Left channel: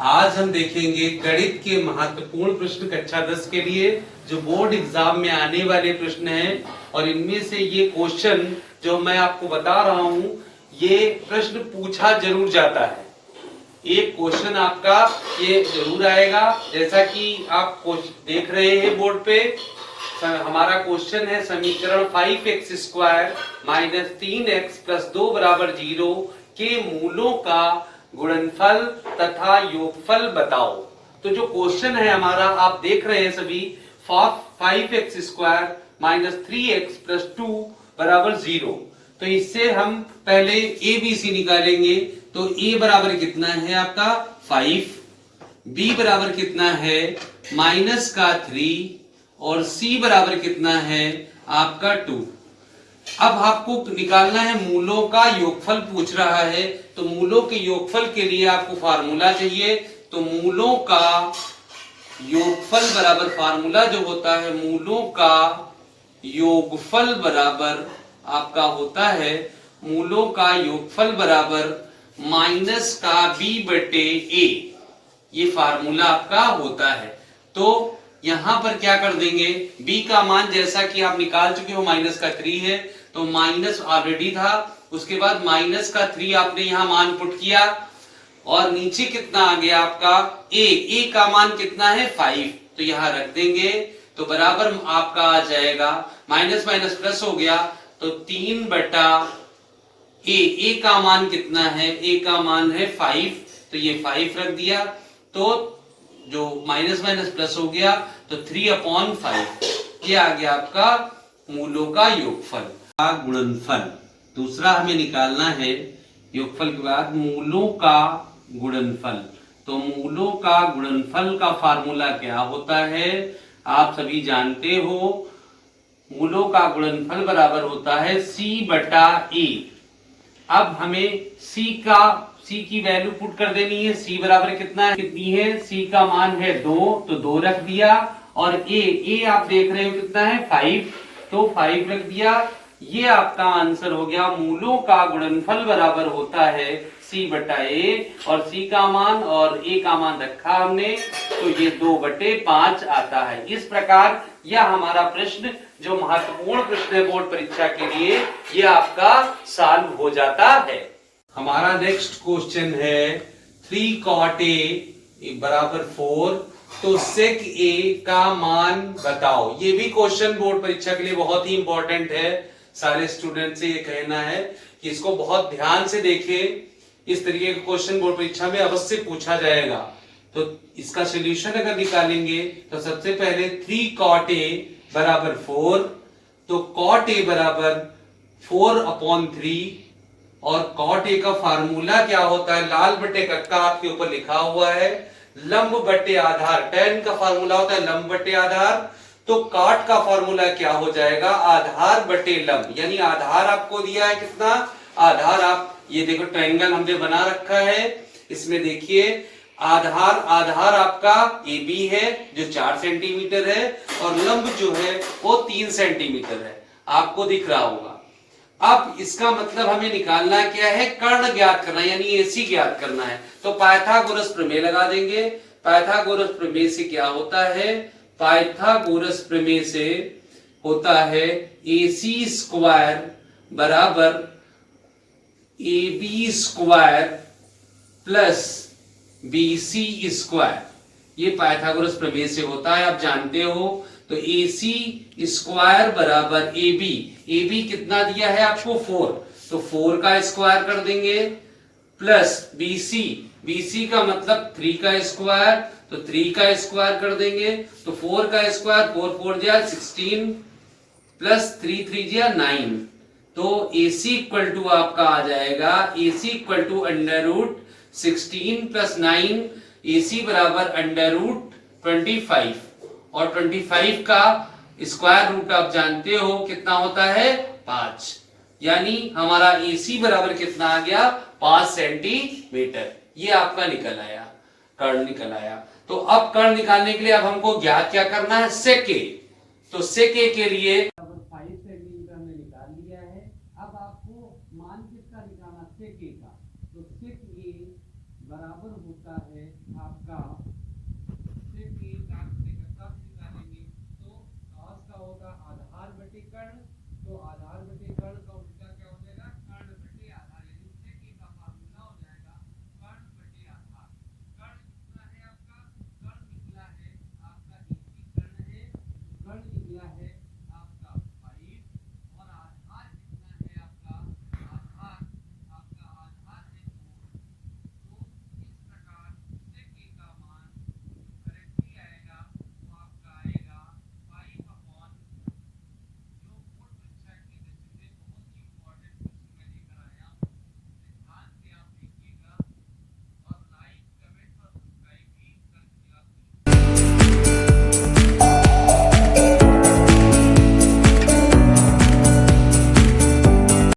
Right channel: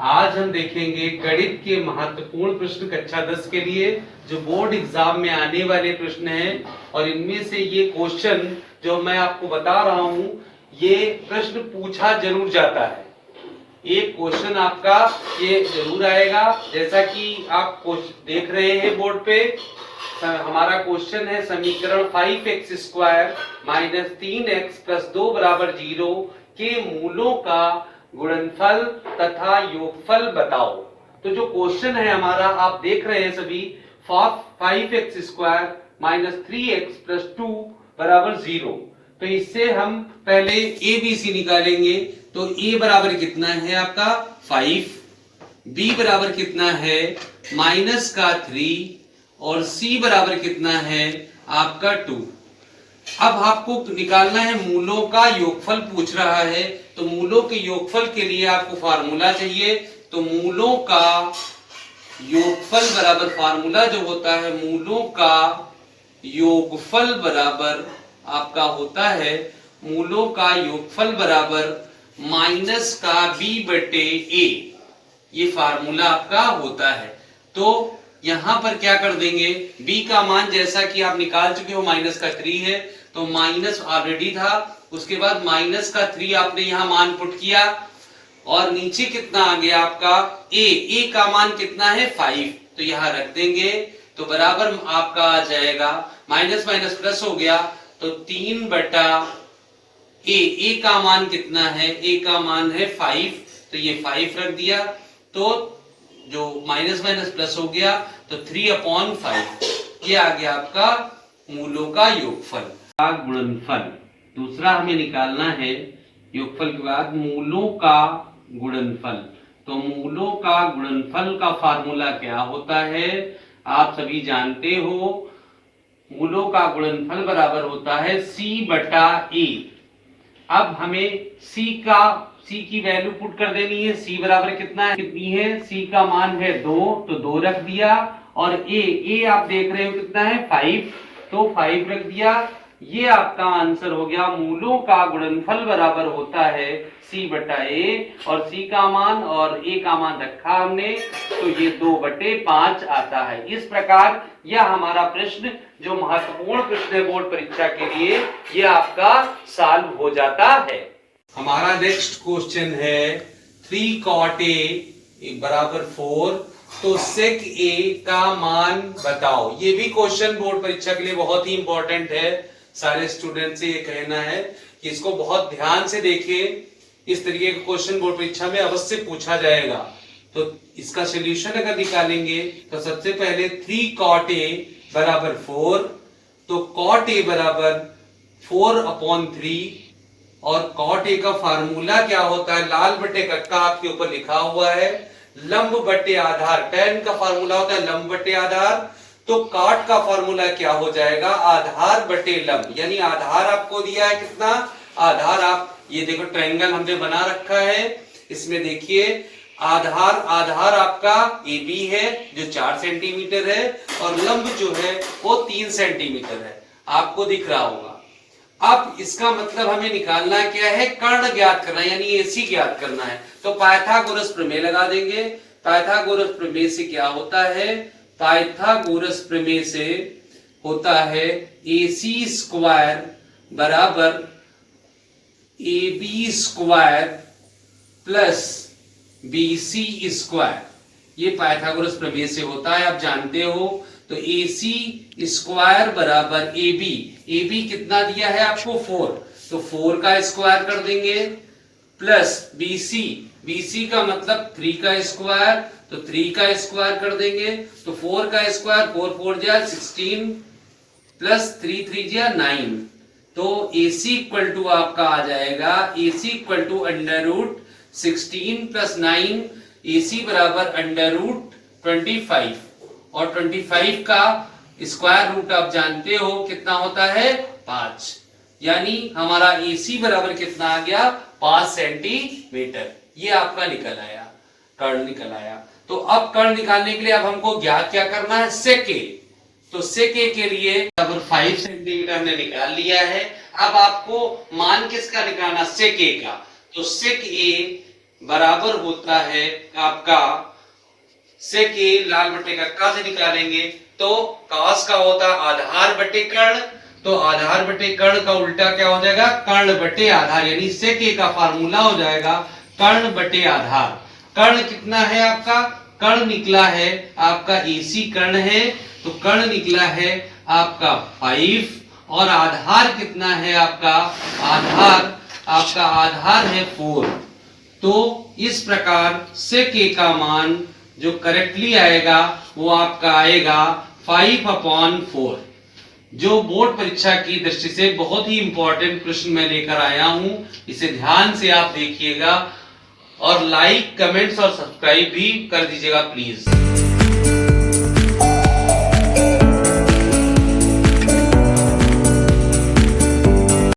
आज हम देखेंगे गणित के महत्वपूर्ण प्रश्न कक्षा 10 के लिए जो बोर्ड एग्जाम में आने वाले प्रश्न हैं। और इनमें से ये क्वेश्चन जो मैं आपको बता रहा हूं, ये प्रश्न पूछा जरूर जाता है। एक क्वेश्चन आपका ये जरूर आएगा, जैसा कि आप देख रहे हैं बोर्ड पे। हमारा क्वेश्चन है समीकरण 5x square minus 3x plus 2 बराबर 0 के मूलों का गुणनफल तथा योगफल बताओ। तो जो क्वेश्चन है हमारा आप देख रहे हैं सभी, 5x square minus 3x plus 2 बराबर 0। तो इससे हम पहले ABC निकालेंगे। तो A बराबर कितना है आपका 5, B बराबर कितना है माइनस का 3 और C बराबर कितना है आपका 2। अब आपको निकालना है मूलों का योगफल पूछ रहा है। तो मूलों के योगफल के लिए आपको फार्मूला चाहिए। तो मूलों का योगफल बराबर फार्मूला जो होता है, मूलों का योगफल बराबर आपका होता है, मूलों का योगफल बराबर माइनस का B बटे A। ये फार्मूला आपका होता है। तो यहां पर क्या कर देंगे, B का मान जैसा कि आप निकाल चुके हो माइनस का 3 है, तो माइनस ऑलरेडी था। उसके बाद माइनस का 3 आपने यहां मान पुट किया और नीचे कितना आ गया आपका A का मान कितना है 5, तो यहां रख देंगे। तो बराबर आपका आ जाएगा, माइनस माइनस प्लस हो गया, तो 3 बटा A का मान कितना है, A का मान है 5, तो ये 5 रख दिया। तो जो माइनस माइनस प्लस हो गया, तो 3/5 ये आ गया आपका मूलों का योगफल का गुणनफल। दूसरा हमें निकालना है योगफल के बाद मूलों का गुणनफल। तो मूलों का गुणनफल का फार्मूला क्या होता है, आप सभी जानते हो। मूलों का गुणनफल बराबर होता है C बटा A। अब हमें C की वैल्यू पुट कर देनी है। C बराबर कितनी है, C का मान है 2, तो 2 रख दिया। और A आप देख रहे हो कितना है 5, तो 5 रख दिया। ये आपका आंसर हो गया। मूलों का गुणनफल बराबर होता है C बटा A, और C का मान और A का मान रखा हमने, तो ये 2/5 आता है। इस प्रकार यह हमारा प्रश्न जो महत्वपूर्ण प्रश्न है बोर्ड परीक्षा के लिए, ये आपका सॉल्व हो जाता है। हमारा नेक्स्ट क्वेश्चन है 3 cot A बराबर 4, तो sec A का मान बताओ। ये भी क्वेश्चन बोर्ड परीक्षा के लिए बहुत ही इंपॉर्टेंट है। सारे स्टूडेंट से ये कहना है कि इसको बहुत ध्यान से देखें। इस तरीके का क्वेश्चन बोर्ड परीक्षा में अवश्य पूछा जाएगा। तो इसका सोल्यूशन अगर निकालेंगे तो सबसे पहले 3 cot A बराबर 4, तो cot A बराबर 4/3। और cot A का फार्मूला क्या होता है, लाल बटे कक्का आपके ऊपर लिखा हुआ है, लंब बटे आधार। tan का फार्मूला होता है लंब बटे आधार। तो cot का फार्मूला क्या हो जाएगा, आधार बटे लंब। यानी आधार आपको दिया है कितना, आधार आप ये देखो ट्रायंगल हमने बना रखा है, इसमें देखिए आधार आपका AB है जो 4 सेंटीमीटर है, और लंब जो है वो 3 सेंटीमीटर है, आपको दिख रहा होगा। अब इसका मतलब हमें निकालना क्या है, कर्ण ज्ञात करना है, यानी AC ज्ञात करना है। तो पाइथागोरस प्रमेय लगा देंगे। पाइथागोरस प्रमेय से क्या होता है, पाइथागोरस प्रमेय से होता है AC स्क्वायर बराबर AB square plus BC square. ये पाइथागोरस प्रमेय से होता है, आप जानते हो। तो AC स्क्वायर बराबर AB कितना दिया है आपको 4, तो 4 का स्क्वायर कर देंगे, प्लस BC का मतलब 3 का स्क्वायर, तो 3 का स्क्वायर कर देंगे। तो 4 का स्क्वायर 4 4 जा 16 प्लस 3 3 जा 9। तो AC इक्वल टू आपका आ जाएगा, AC equal to √16 plus 9, AC बराबर √25। और 25 का स्क्वायर रूट आप जानते हो कितना होता है 5। यानी हमारा AC बराबर कितना आ गया 5 सेंटीमीटर। ये आपका निकल आया, कर्ण निकल आया। तो अब कर्ण निकालने के लिए अब हमको ज्ञात क्या करना है, sec A। तो sec A के लिए बराबर 5 सेंटीमीटर हमने निकाल लिया है। अब आपको मान किसका निकालना, sec A का। तो sec A बराबर होता है आपका सेक ए लाल बटे का से निकालेंगे तो कास का होता आधार बटे कर्ण, तो आधार बटे कर्ण का उल्टा क्या हो जाएगा, कर्ण बटे आधार, यानी सेक ए का फार्मूला हो जाएगा कर्ण बटे आधार। कर्ण कितना है आपका, कर्ण निकला है आपका एसी कर्ण है, तो कर्ण निकला है आपका 5 और आधार कितना है आपका, आधार है 4। तो इस प्रकार सेक ए का मान जो करेक्टली आएगा वो आपका आएगा 5/4। जो बोर्ड परीक्षा की दृष्टि से बहुत ही इंपॉर्टेंट प्रश्न मैं लेकर आया हूं, इसे ध्यान से आप देखिएगा और लाइक, कमेंट्स और सब्सक्राइब भी कर दीजिएगा प्लीज।